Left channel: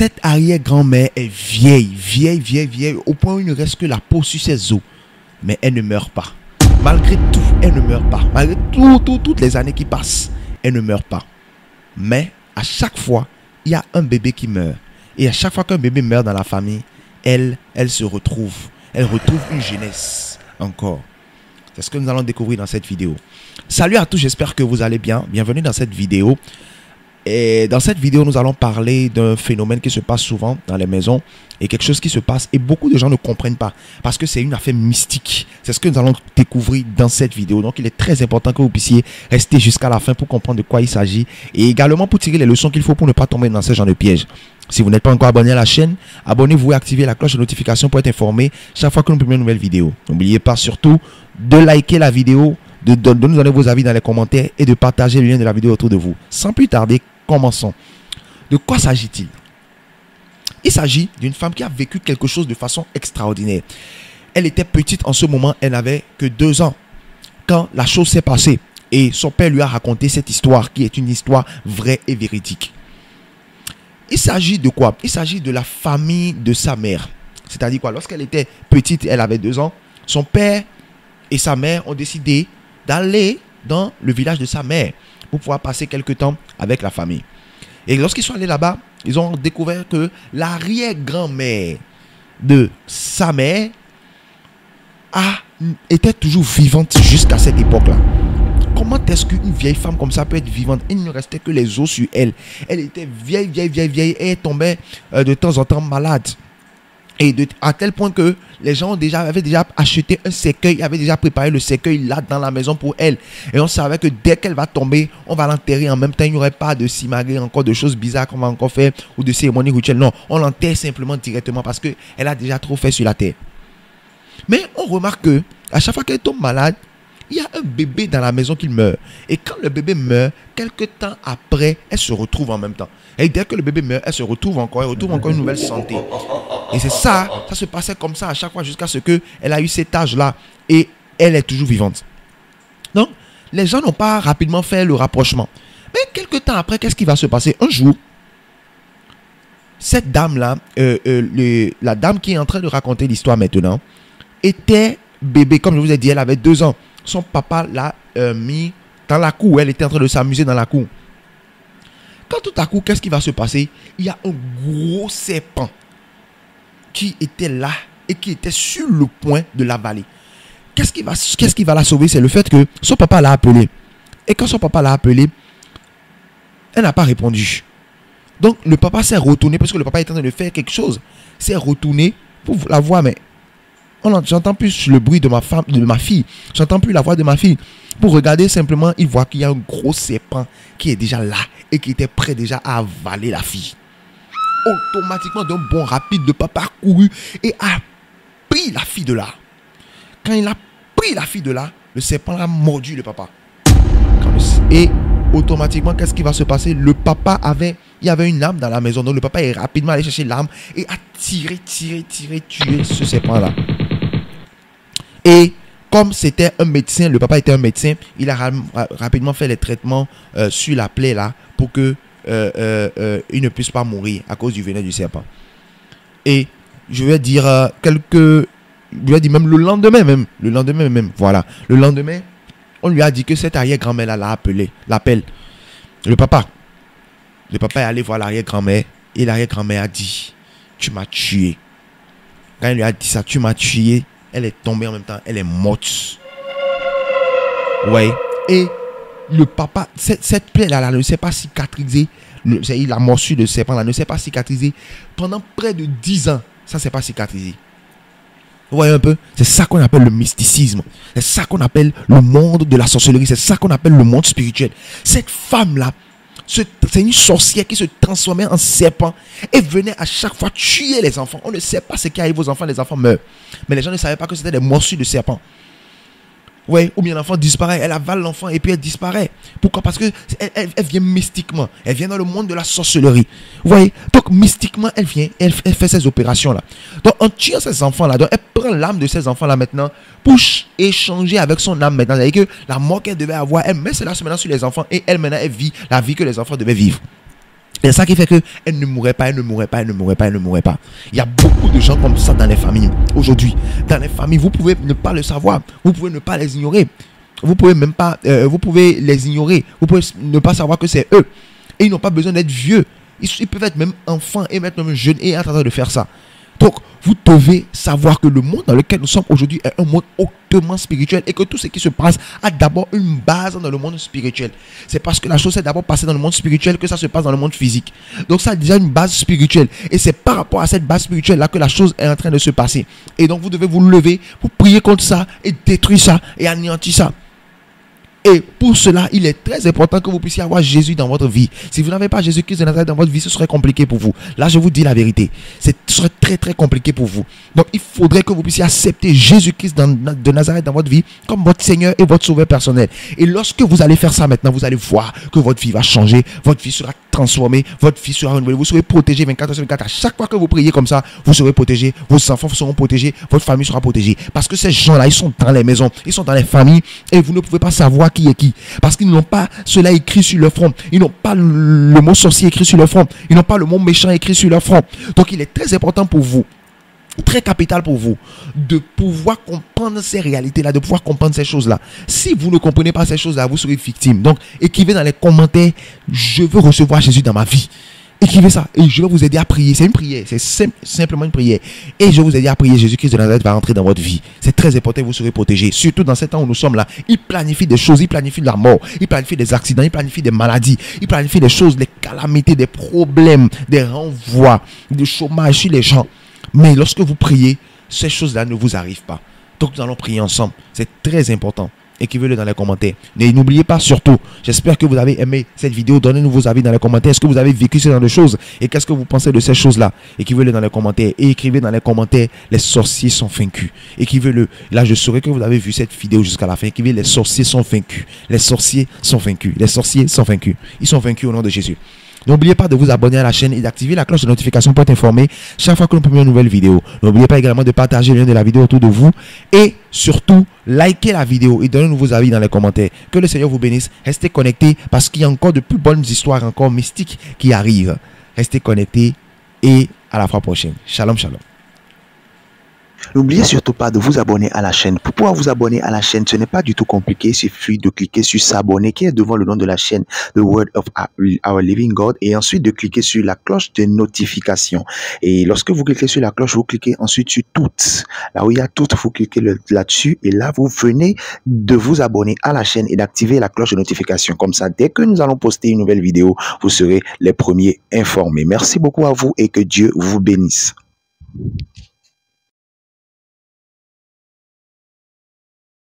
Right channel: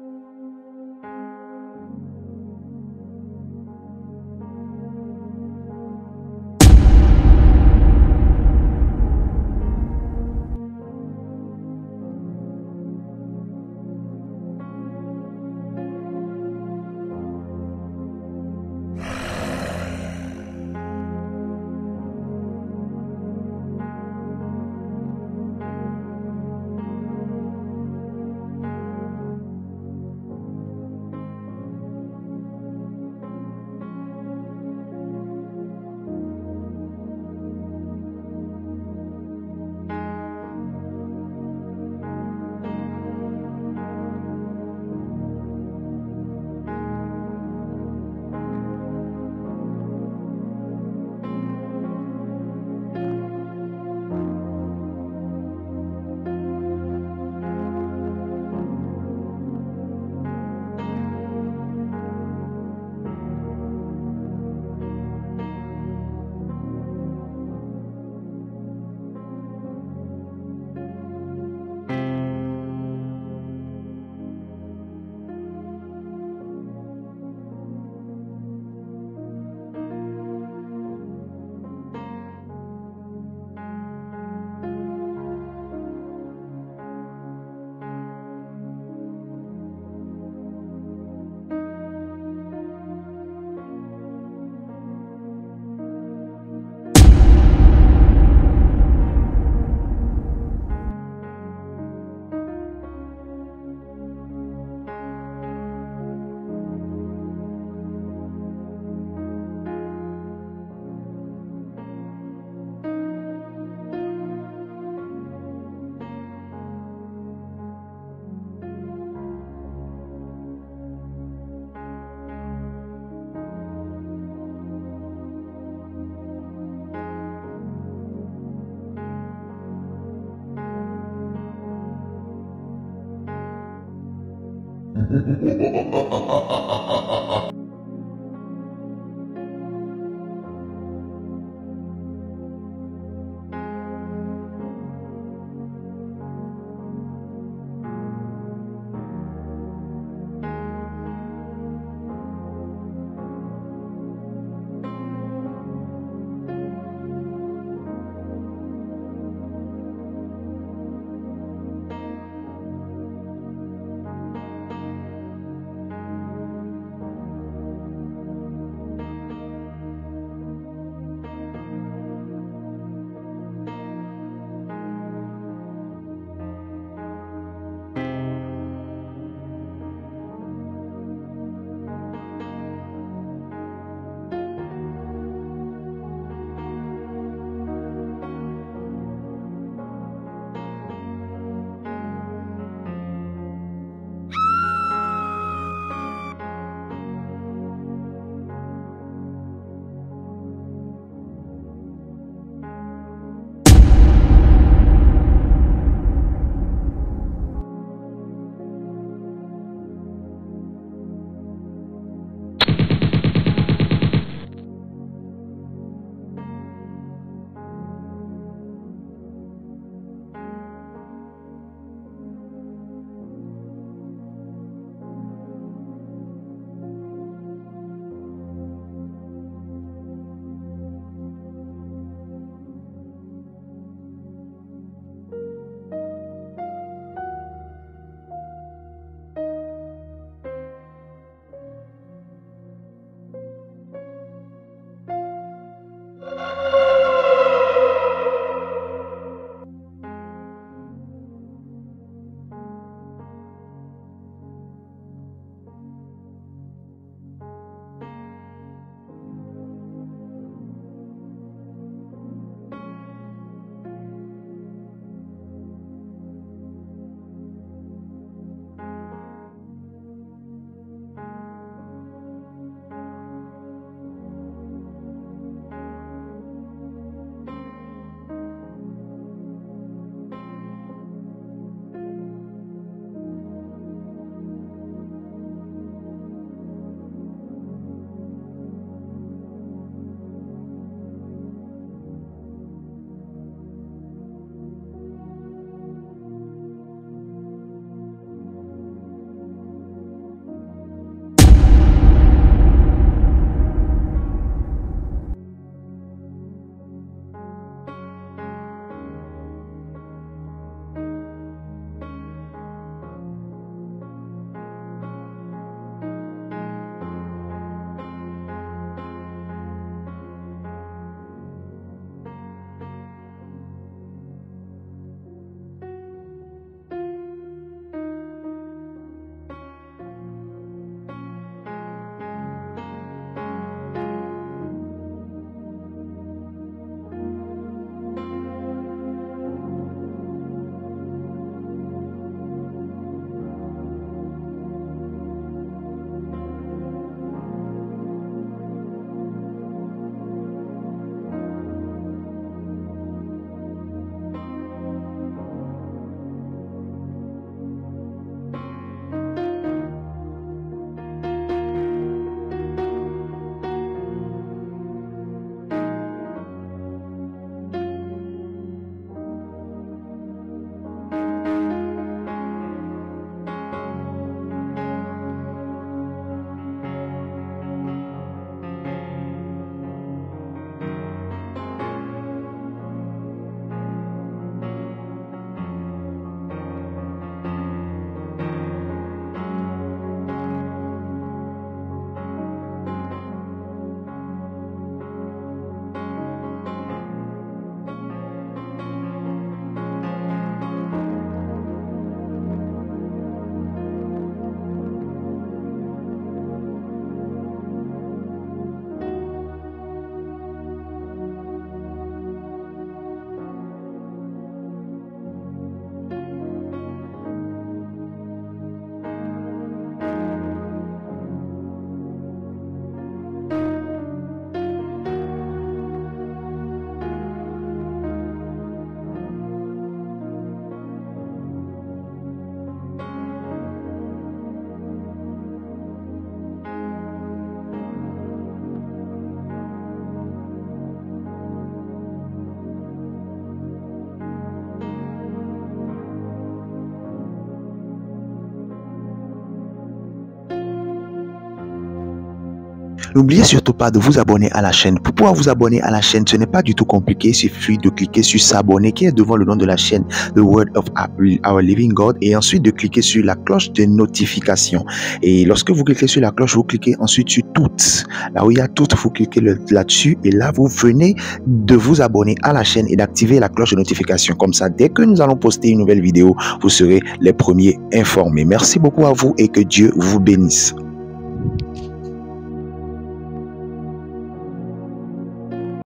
Cette arrière-grand-mère est vieille, au point où il ne reste que la peau sur ses os. Mais elle ne meurt pas. Malgré tout, elle ne meurt pas. Malgré toutes les années qui passent, elle ne meurt pas. Mais à chaque fois, il y a un bébé qui meurt. Et à chaque fois qu'un bébé meurt dans la famille, elle se retrouve. Elle retrouve une jeunesse encore. C'est ce que nous allons découvrir dans cette vidéo. Salut à tous, j'espère que vous allez bien. Bienvenue dans cette vidéo. Et dans cette vidéo, nous allons parler d'un phénomène qui se passe souvent dans les maisons et quelque chose qui se passe et beaucoup de gens ne comprennent pas parce que c'est une affaire mystique. C'est ce que nous allons découvrir dans cette vidéo. Donc, il est très important que vous puissiez rester jusqu'à la fin pour comprendre de quoi il s'agit et également pour tirer les leçons qu'il faut pour ne pas tomber dans ce genre de piège. Si vous n'êtes pas encore abonné à la chaîne, abonnez-vous et activez la cloche de notification pour être informé chaque fois que nous publions une nouvelle vidéo. N'oubliez pas surtout de liker la vidéo, de nous donner vos avis dans les commentaires et de partager le lien de la vidéo autour de vous. Sans plus tarder, commençons. De quoi s'agit-il? Il s'agit d'une femme qui a vécu quelque chose de façon extraordinaire. Elle était petite en ce moment, elle n'avait que 2 ans quand la chose s'est passée. Et son père lui a raconté cette histoire qui est une histoire vraie et véridique. Il s'agit de quoi? Il s'agit de la famille de sa mère. C'est-à-dire quoi? Lorsqu'elle était petite, elle avait 2 ans, son père et sa mère ont décidé d'aller dans le village de sa mère pour pouvoir passer quelques temps avec la famille. Et lorsqu'ils sont allés là-bas, ils ont découvert que l'arrière-grand-mère de sa mère était toujours vivante jusqu'à cette époque-là. Comment est-ce qu'une vieille femme comme ça peut être vivante? Il ne restait que les os sur elle. Elle était vieille et elle tombait de temps en temps malade. Et à tel point que les gens avaient déjà acheté un cercueil, avaient déjà préparé le cercueil là dans la maison pour elle. Et on savait que dès qu'elle va tomber, on va l'enterrer en même temps. Il n'y aurait pas de simagrée, encore de choses bizarres qu'on va encore faire ou de cérémonies rituelles. Non, on l'enterre simplement directement parce qu'elle a déjà trop fait sur la terre. Mais on remarque que à chaque fois qu'elle tombe malade, il y a un bébé dans la maison qui meurt. Et quand le bébé meurt, quelques temps après, elle se retrouve en même temps. Et dès que le bébé meurt, elle se retrouve encore, une nouvelle santé. Et c'est ça se passait comme ça à chaque fois jusqu'à ce qu'elle a eu cet âge-là. Et elle est toujours vivante. Donc, les gens n'ont pas rapidement fait le rapprochement. Mais quelques temps après, qu'est-ce qui va se passer? Un jour, cette dame-là, la dame qui est en train de raconter l'histoire maintenant, était bébé. Comme je vous ai dit, elle avait 2 ans. Son papa l'a mis dans la cour. Elle était en train de s'amuser dans la cour. Quand tout à coup, qu'est-ce qui va se passer? Il y a un gros serpent qui était là et qui était sur le point de l'avaler. Qu'est-ce qui va la sauver? C'est le fait que son papa l'a appelé. Et quand son papa l'a appelé, elle n'a pas répondu. Donc le papa s'est retourné parce que le papa était en train de faire quelque chose. S'est retourné pour la voir, mais j'entends plus le bruit de ma fille. J'entends plus la voix de ma fille. Pour regarder simplement, il voit qu'il y a un gros serpent qui est déjà là et qui était prêt déjà à avaler la fille. Automatiquement, d'un bond rapide, le papa a couru et a pris la fille de là. Quand il a pris la fille de là, le serpent a mordu le papa. Et automatiquement, qu'est-ce qui va se passer? Il y avait une lame dans la maison. Donc le papa est rapidement allé chercher l'arme et a tué ce serpent-là. Et comme c'était un médecin, le papa était un médecin, il a rapidement fait les traitements sur la plaie là pour que il ne puisse pas mourir à cause du venin du serpent. Et je vais dire même le lendemain même, voilà. Le lendemain, on lui a dit que cette arrière-grand-mère là l'appelle. Le papa est allé voir l'arrière-grand-mère et l'arrière-grand-mère a dit: tu m'as tué. Quand il lui a dit ça, tu m'as tué, elle est tombée en même temps, elle est morte. Ouais. Et le papa, cette plaie là ne s'est pas cicatrisée. La morsure de serpent là ne s'est pas cicatrisée pendant près de 10 ans. Ça ne s'est pas cicatrisé. Vous voyez un peu? C'est ça qu'on appelle le mysticisme. C'est ça qu'on appelle le monde de la sorcellerie. C'est ça qu'on appelle le monde spirituel. Cette femme là, c'est une sorcière qui se transformait en serpent et venait à chaque fois tuer les enfants. On ne sait pas ce qui arrive aux enfants, les enfants meurent. Mais les gens ne savaient pas que c'était des morsures de serpent. Ouais, ou bien l'enfant disparaît, elle avale l'enfant et puis elle disparaît. Pourquoi? Parce qu'elle vient mystiquement. Elle vient dans le monde de la sorcellerie. Vous voyez? Donc mystiquement, elle vient, elle fait ces opérations-là. Donc en tuant ces enfants-là, donc elle prend l'âme de ces enfants-là maintenant pour échanger avec son âme maintenant. C'est-à-dire que la mort qu'elle devait avoir, elle met cela maintenant sur les enfants et elle maintenant, elle vit la vie que les enfants devaient vivre. C'est ça qui fait qu'elle ne mourrait pas, elle ne mourrait pas, elle ne mourrait pas, elle ne mourrait pas. Il y a beaucoup de gens comme ça dans les familles aujourd'hui. Dans les familles, vous pouvez ne pas le savoir, vous pouvez ne pas les ignorer. Vous pouvez même pas, vous pouvez les ignorer, vous pouvez ne pas savoir que c'est eux. Et ils n'ont pas besoin d'être vieux. Ils peuvent être même enfants et même jeunes et être en train de faire ça. Donc, vous devez savoir que le monde dans lequel nous sommes aujourd'hui est un monde hautement spirituel et que tout ce qui se passe a d'abord une base dans le monde spirituel. C'est parce que la chose s'est d'abord passée dans le monde spirituel que ça se passe dans le monde physique. Donc, ça a déjà une base spirituelle et c'est par rapport à cette base spirituelle là que la chose est en train de se passer. Et donc, vous devez vous lever pour prier contre ça et détruire ça et anéantir ça. Et pour cela, il est très important que vous puissiez avoir Jésus dans votre vie. Si vous n'avez pas Jésus-Christ de Nazareth dans votre vie, ce serait compliqué pour vous. Là, je vous dis la vérité. Ce serait très très compliqué pour vous. Donc, il faudrait que vous puissiez accepter Jésus-Christ de Nazareth dans votre vie comme votre Seigneur et votre Sauveur personnel. Et lorsque vous allez faire ça maintenant, vous allez voir que votre vie va changer. Votre vie sera transformée. Votre vie sera renouvelée. Vous serez protégé 24 sur 24. À chaque fois que vous priez comme ça, vous serez protégé. Vos enfants seront protégés. Votre famille sera protégée. Parce que ces gens-là, ils sont dans les maisons. Ils sont dans les familles. Et vous ne pouvez pas savoir qui est qui, parce qu'ils n'ont pas cela écrit sur leur front, ils n'ont pas le mot sorcier écrit sur leur front, ils n'ont pas le mot méchant écrit sur leur front. Donc il est très important pour vous, très capital pour vous, de pouvoir comprendre ces réalités-là, de pouvoir comprendre ces choses-là. Si vous ne comprenez pas ces choses-là, vous serez victime. Donc écrivez dans les commentaires: je veux recevoir Jésus dans ma vie. Écrivez ça et je vais vous aider à prier. C'est une prière, c'est simplement une prière. Et je vais vous aider à prier. Jésus-Christ de Nazareth va entrer dans votre vie. C'est très important, vous serez protégés. Surtout dans ces temps où nous sommes là. Il planifie des choses, il planifie de la mort, il planifie des accidents, il planifie des maladies, il planifie des choses, des calamités, des problèmes, des renvois, du chômage chez les gens. Mais lorsque vous priez, ces choses-là ne vous arrivent pas. Donc nous allons prier ensemble. C'est très important. Écrivez-le dans les commentaires. Et n'oubliez pas surtout, j'espère que vous avez aimé cette vidéo. Donnez-nous vos avis dans les commentaires. Est-ce que vous avez vécu ce genre de choses? Et qu'est-ce que vous pensez de ces choses-là? Écrivez-le dans les commentaires. Et écrivez dans les commentaires: les sorciers sont vaincus. Écrivez-le. Là, je saurai que vous avez vu cette vidéo jusqu'à la fin. Écrivez: les sorciers sont vaincus. Les sorciers sont vaincus. Les sorciers sont vaincus. Ils sont vaincus au nom de Jésus. N'oubliez pas de vous abonner à la chaîne et d'activer la cloche de notification pour être informé chaque fois que nous publions une nouvelle vidéo. N'oubliez pas également de partager le lien de la vidéo autour de vous et surtout likez la vidéo et donnez-nous vos avis dans les commentaires. Que le Seigneur vous bénisse. Restez connectés parce qu'il y a encore de plus bonnes histoires encore mystiques qui arrivent. Restez connectés et à la fois prochaine. Shalom, shalom. N'oubliez surtout pas de vous abonner à la chaîne. Pour pouvoir vous abonner à la chaîne, ce n'est pas du tout compliqué. Il suffit de cliquer sur s'abonner qui est devant le nom de la chaîne, The Word of Our Living God, et ensuite de cliquer sur la cloche de notification. Et lorsque vous cliquez sur la cloche, vous cliquez ensuite sur toutes. Là où il y a toutes, vous cliquez là-dessus et là vous venez de vous abonner à la chaîne et d'activer la cloche de notification. Comme ça, dès que nous allons poster une nouvelle vidéo, vous serez les premiers informés. Merci beaucoup à vous et que Dieu vous bénisse.